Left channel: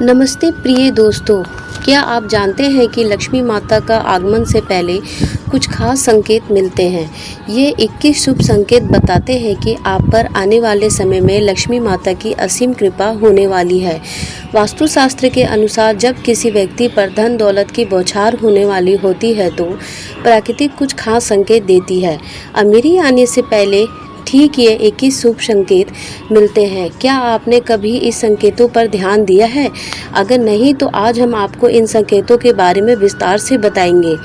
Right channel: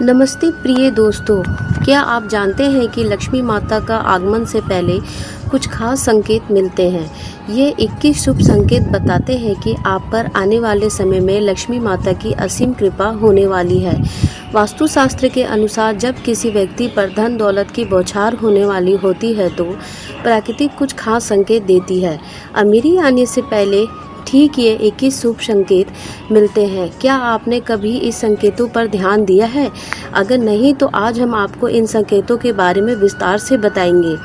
नमस्ते प्रिय दोस्तों, क्या आप जानते हैं कि लक्ष्मी माता का आगमन से पहले कुछ खास संकेत मिलते हैं। ये 21 शुभ संकेत बताते हैं कि आप पर आने वाले समय में लक्ष्मी माता की असीम कृपा होने वाली है। वास्तुशास्त्र के अनुसार जब किसी व्यक्ति पर धन दौलत की बौछार होने वाली होती है तो प्रकृति कुछ खास संकेत देती है। अमीरी आने से पहले ठीक ये 21 शुभ संकेत मिलते हैं। क्या आपने कभी इस संकेतों पर ध्यान दिया है? अगर नहीं तो आज हम आपको इन संकेतों के बारे में विस्तार से बताएंगे।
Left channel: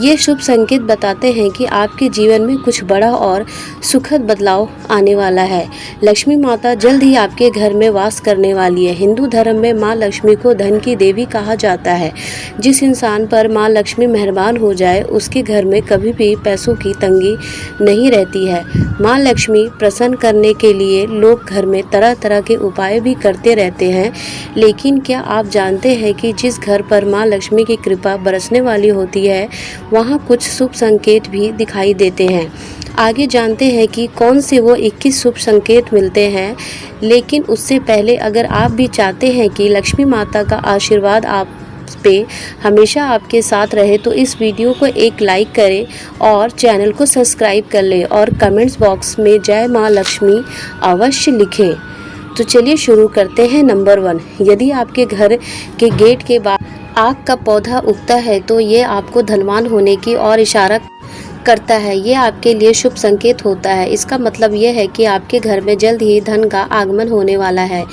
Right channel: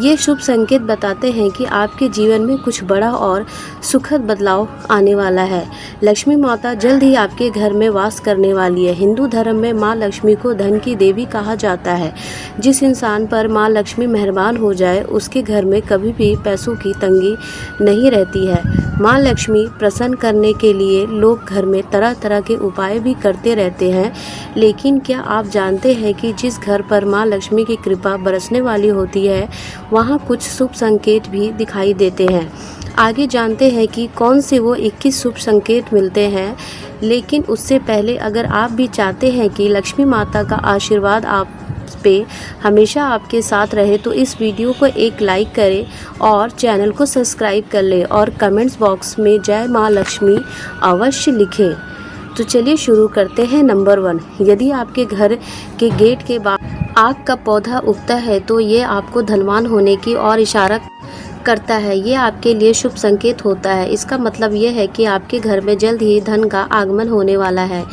ये शुभ संकेत बताते हैं कि आपके जीवन में कुछ बड़ा और सुखद बदलाव आने वाला है। लक्ष्मी माता जल्द ही आपके घर में वास करने वाली है। हिंदू धर्म में माँ लक्ष्मी को धन की देवी कहा जाता है। जिस इंसान पर माँ लक्ष्मी मेहरबान हो जाए उसके घर में कभी भी पैसों की तंगी नहीं रहती है। माँ लक्ष्मी प्रसन्न करने के लिए लोग घर में तरह तरह के उपाय भी करते रहते हैं, लेकिन क्या आप जानते हैं कि जिस घर पर माँ लक्ष्मी की कृपा बरसने वाली होती है वहाँ कुछ शुभ संकेत भी दिखाई देते हैं। आगे जानते हैं कि कौन से वो 21 शुभ संकेत मिलते हैं, लेकिन उससे पहले अगर आप भी चाहते हैं कि लक्ष्मी माता का आशीर्वाद आप पे हमेशा आपके साथ रहे तो इस वीडियो को एक लाइक करें और चैनल को सब्सक्राइब कर लें और कमेंट्स बॉक्स में जय माँ लक्ष्मी अवश्य लिखें। तो चलिए शुरू करते हैं। नंबर 1, यदि आपके घर के गेट के बाहर आग का पौधा उगता है तो ये आपको धनवान होने की ओर इशारा करता है। ये आपके लिए शुभ संकेत होता है। इसका मतलब यह है कि आपके घर में जल्द ही धन का आगमन होने वाला है।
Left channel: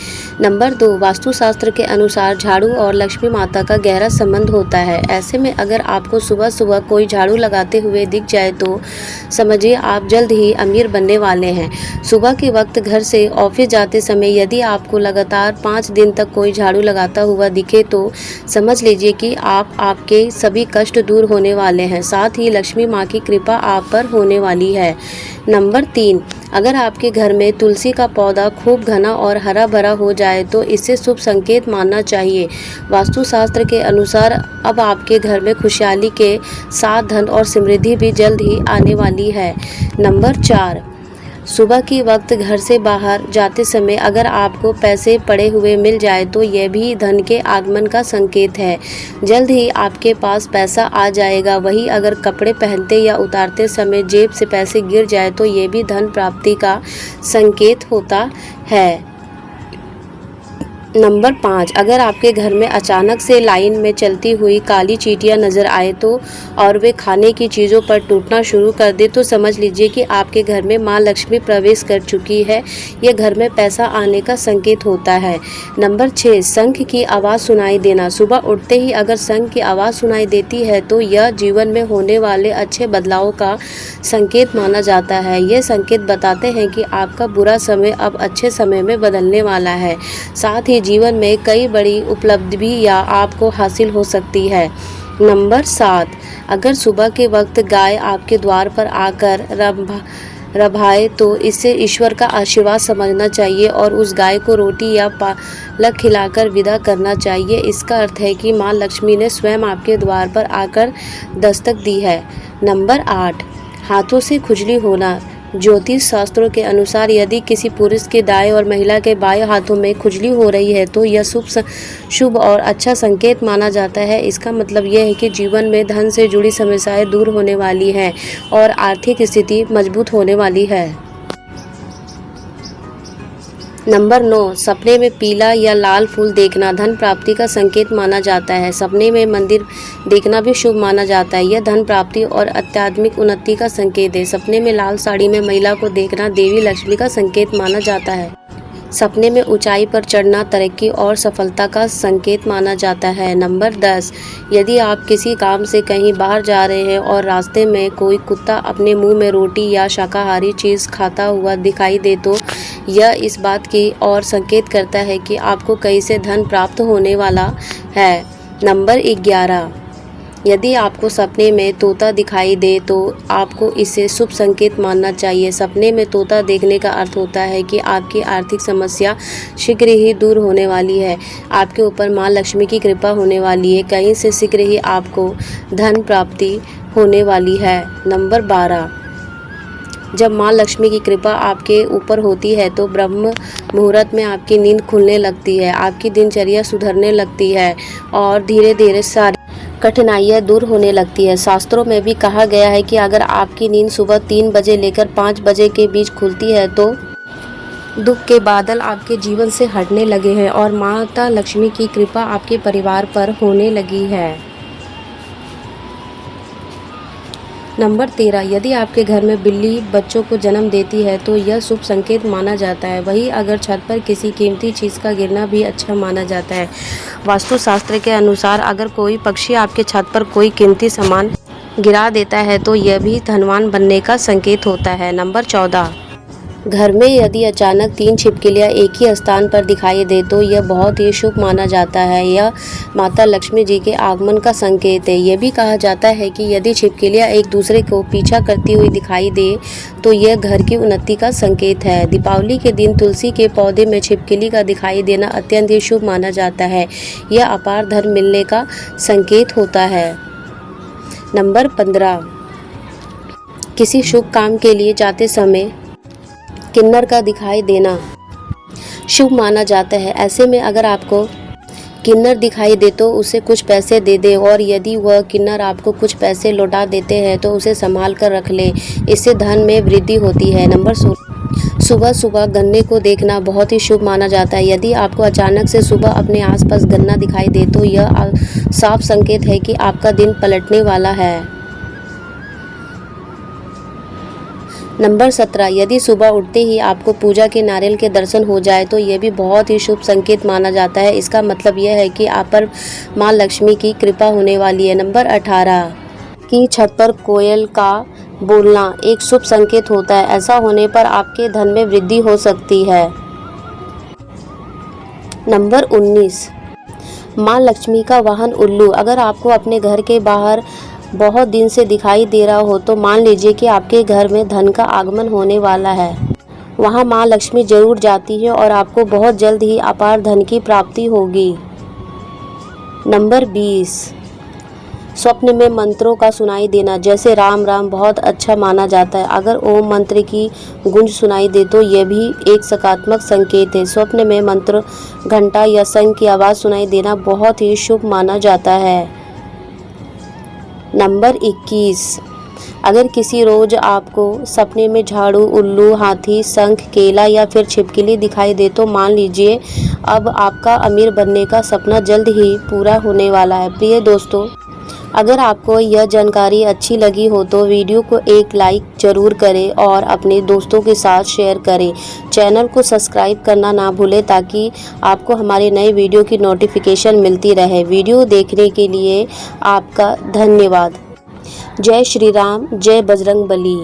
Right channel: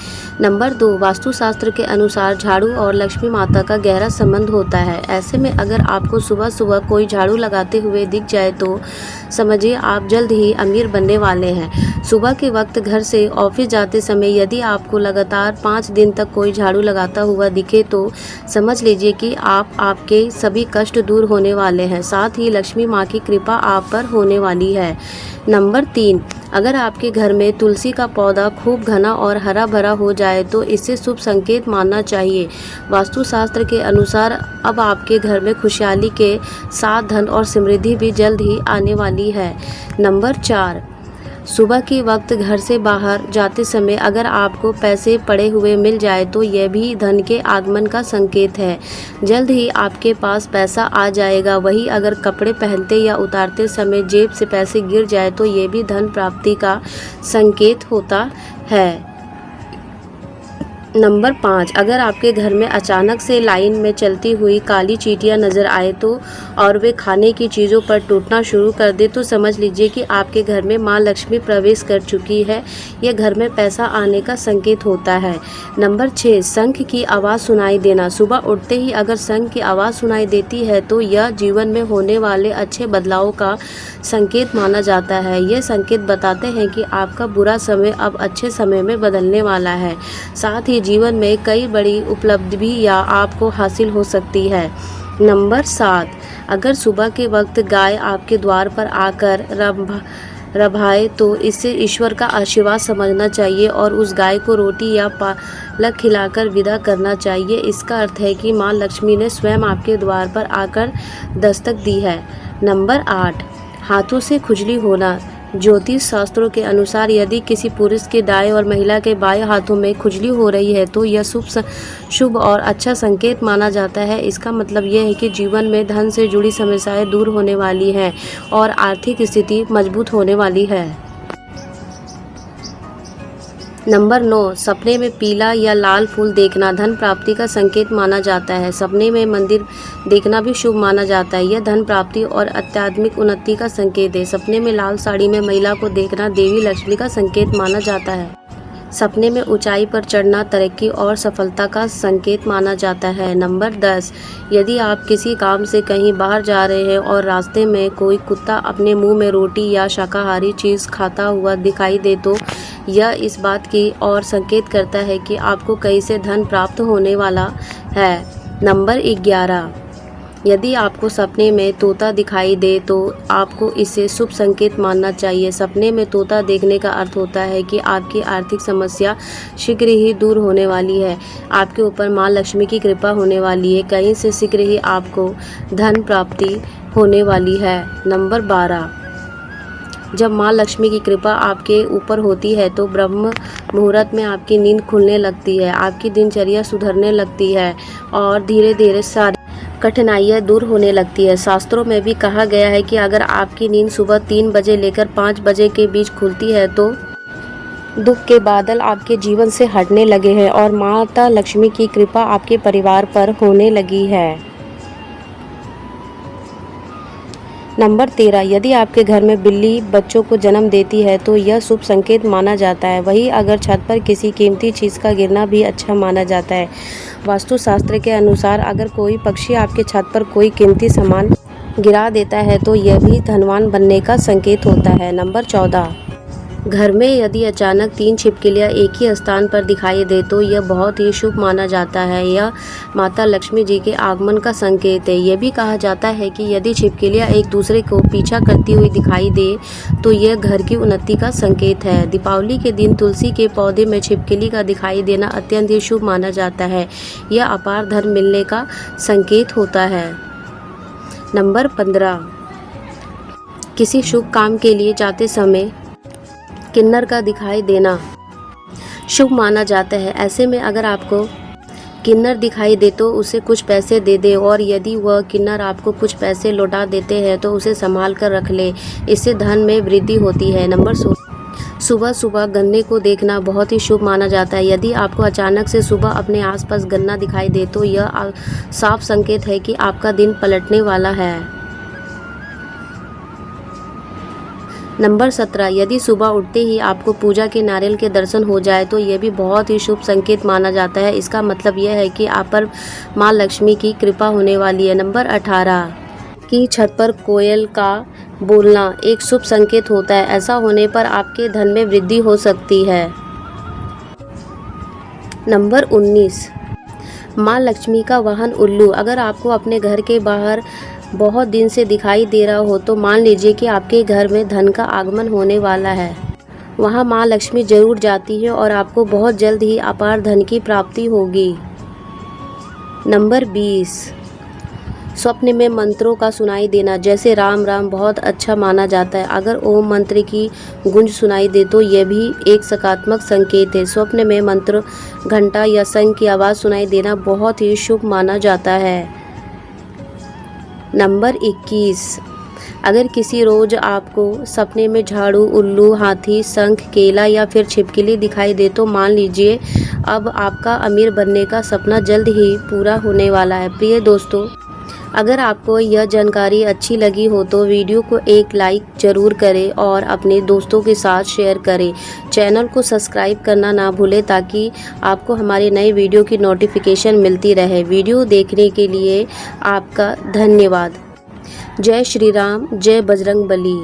नंबर 2, वास्तुशास्त्र के अनुसार झाड़ू और लक्ष्मी माता का गहरा संबंध होता है। ऐसे में अगर आपको सुबह सुबह कोई झाड़ू लगाते हुए दिख जाए तो समझिए आप जल्द ही अमीर बनने वाले हैं। सुबह के वक्त घर से ऑफिस जाते समय यदि आपको लगातार 5 दिन तक कोई झाड़ू लगाता हुआ दिखे तो समझ लीजिए कि आपके सभी कष्ट दूर होने वाले हैं। साथ ही लक्ष्मी माँ की कृपा आप पर होने वाली है। नंबर 3, अगर आपके घर में तुलसी का पौधा खूब घना और हरा भरा हो जाए तो इसे शुभ संकेत मानना चाहिए। वास्तुशास्त्र के अनुसार अब आपके घर में खुशहाली के साथ धन और समृद्धि भी जल्द ही आने वाली है। नंबर 4, सुबह के वक्त घर से बाहर जाते समय अगर आपको पैसे पड़े हुए मिल जाए तो यह भी धन के आगमन का संकेत है। जल्द ही आपके पास पैसा आ जाएगा। वहीं अगर कपड़े पहनते या उतारते समय जेब से पैसे गिर जाए तो यह भी धन प्राप्ति का संकेत होता है। नंबर 5, अगर आपके घर में अचानक से लाइन में चलती हुई काली चींटियां नज़र आए तो और वे खाने की चीज़ों पर टूटना शुरू कर दे तो समझ लीजिए कि आपके घर में माँ लक्ष्मी प्रवेश कर चुकी है। यह घर में पैसा आने का संकेत होता है। नंबर 6, शंख की आवाज़ सुनाई देना। सुबह उठते ही अगर शंख की आवाज़ सुनाई देती है तो यह जीवन में होने वाले अच्छे बदलाव का संकेत माना जाता है। यह संकेत बताते हैं कि आपका बुरा समय अब अच्छे समय में बदलने वाला है। साथ ही जीवन में कई बड़ी उपलब्धि या आपको हासिल हो सकती है। नंबर 7, अगर सुबह के वक्त गाय आपके द्वार पर आकर रभाए तो इसे ईश्वर का आशीर्वाद समझना चाहिए और उस गाय को रोटी या पालक खिलाकर विदा करना चाहिए। इसका अर्थ है कि माँ लक्ष्मी ने स्वयं आपके द्वार पर आकर दस्तक दी है। नंबर 8, हाथों से खुजली होना। ज्योतिष शास्त्रों के अनुसार यदि किसी पुरुष के दाएं और महिला के बाएं हाथों में खुजली हो रही है तो यह शुभ और अच्छा संकेत माना जाता है। इसका मतलब यह है कि जीवन में धन से जुड़ी समस्याएं दूर होने वाली हैं और आर्थिक स्थिति मजबूत होने वाली है। नंबर 9, सपने में पीला या लाल फूल देखना धन प्राप्ति का संकेत माना जाता है। सपने में मंदिर देखना भी शुभ माना जाता है। यह धन प्राप्ति और आध्यात्मिक उन्नति का संकेत है। सपने में लाल साड़ी में महिला को देखना देवी लक्ष्मी का संकेत माना जाता है। सपने में ऊंचाई पर चढ़ना तरक्की और सफलता का संकेत माना जाता है। नंबर 10, यदि आप किसी काम से कहीं बाहर जा रहे हैं और रास्ते में कोई कुत्ता अपने मुंह में रोटी या शाकाहारी चीज़ खाता हुआ दिखाई दे तो यह इस बात की ओर संकेत करता है कि आपको कहीं से धन प्राप्त होने वाला है। नंबर 11, यदि आपको सपने में तोता दिखाई दे तो आपको इसे शुभ संकेत मानना चाहिए। सपने में तोता देखने का अर्थ होता है कि आपकी आर्थिक समस्या शीघ्र ही दूर होने वाली है। आपके ऊपर माँ लक्ष्मी की कृपा होने वाली है। कहीं से शीघ्र ही आपको धन प्राप्ति होने वाली है। नंबर 12, जब माँ लक्ष्मी की कृपा आपके ऊपर होती है तो ब्रह्म मुहूर्त में आपकी नींद खुलने लगती है, आपकी दिनचर्या सुधरने लगती है और धीरे धीरे सारी कठिनाइयाँ दूर होने लगती है। शास्त्रों में भी कहा गया है कि अगर आपकी नींद सुबह 3 बजे लेकर 5 बजे के बीच खुलती है तो दुख के बादल आपके जीवन से हटने लगे हैं और माता लक्ष्मी की कृपा आपके परिवार पर होने लगी है। नंबर 13, यदि आपके घर में बिल्ली बच्चों को जन्म देती है तो यह शुभ संकेत माना जाता है। वहीं अगर छत पर किसी कीमती चीज़ का गिरना भी अच्छा माना जाता है। वास्तुशास्त्र के अनुसार अगर कोई पक्षी आपके छत पर कोई कीमती सामान गिरा देता है तो यह भी धनवान बनने का संकेत होता है। नंबर 14, घर में यदि अचानक 3 छिपकलियाँ एक ही स्थान पर दिखाई दे तो यह बहुत ही शुभ माना जाता है। यह माता लक्ष्मी जी के आगमन का संकेत है। यह भी कहा जाता है कि यदि छिपकलियाँ एक दूसरे को पीछा करती हुई दिखाई दे तो यह घर की उन्नति का संकेत है। दीपावली के दिन तुलसी के पौधे में छिपकली का दिखाई देना अत्यंत ही शुभ माना जाता है। यह अपार धन मिलने का संकेत होता है। नंबर 15, किसी शुभ काम के लिए जाते समय किन्नर का दिखाई देना शुभ माना जाता है। ऐसे में अगर आपको किन्नर दिखाई दे तो उसे कुछ पैसे दे दे और यदि वह किन्नर आपको कुछ पैसे लौटा देते हैं तो उसे संभाल कर रख ले, इससे धन में वृद्धि होती है। नंबर 16, सुबह सुबह गन्ने को देखना बहुत ही शुभ माना जाता है। यदि आपको अचानक से सुबह अपने आसपास गन्ना दिखाई दे तो यह साफ संकेत है कि आपका दिन पलटने वाला है। नंबर 17, यदि सुबह उठते ही आपको पूजा के नारियल के दर्शन हो जाए तो यह भी बहुत ही शुभ संकेत माना जाता है। इसका मतलब यह है कि आप पर माँ लक्ष्मी की कृपा होने वाली है। नंबर 18, की छत पर कोयल का बोलना एक शुभ संकेत होता है। ऐसा होने पर आपके धन में वृद्धि हो सकती है। नंबर 19, माँ लक्ष्मी का वाहन उल्लू अगर आपको अपने घर के बाहर बहुत दिन से दिखाई दे रहा हो तो मान लीजिए कि आपके घर में धन का आगमन होने वाला है। वहाँ माँ लक्ष्मी जरूर जाती है और आपको बहुत जल्द ही अपार धन की प्राप्ति होगी। नंबर 20, स्वप्न में मंत्रों का सुनाई देना जैसे राम राम बहुत अच्छा माना जाता है। अगर ओम मंत्र की गूंज सुनाई दे तो यह भी एक सकारात्मक संकेत है। स्वप्न में मंत्र, घंटा या शंख की आवाज़ सुनाई देना बहुत ही शुभ माना जाता है। नंबर 21, अगर किसी रोज आपको सपने में झाड़ू, उल्लू, हाथी, शंख, केला या फिर छिपकली दिखाई दे तो मान लीजिए अब आपका अमीर बनने का सपना जल्द ही पूरा होने वाला है। प्रिय दोस्तों, अगर आपको यह जानकारी अच्छी लगी हो तो वीडियो को एक लाइक ज़रूर करें और अपने दोस्तों के साथ शेयर करें। चैनल को सब्सक्राइब करना ना भूलें ताकि आपको हमारे नए वीडियो की नोटिफिकेशन मिलती रहे। वीडियो देखने के लिए आपका धन्यवाद। जय श्री राम, जय बजरंग बली।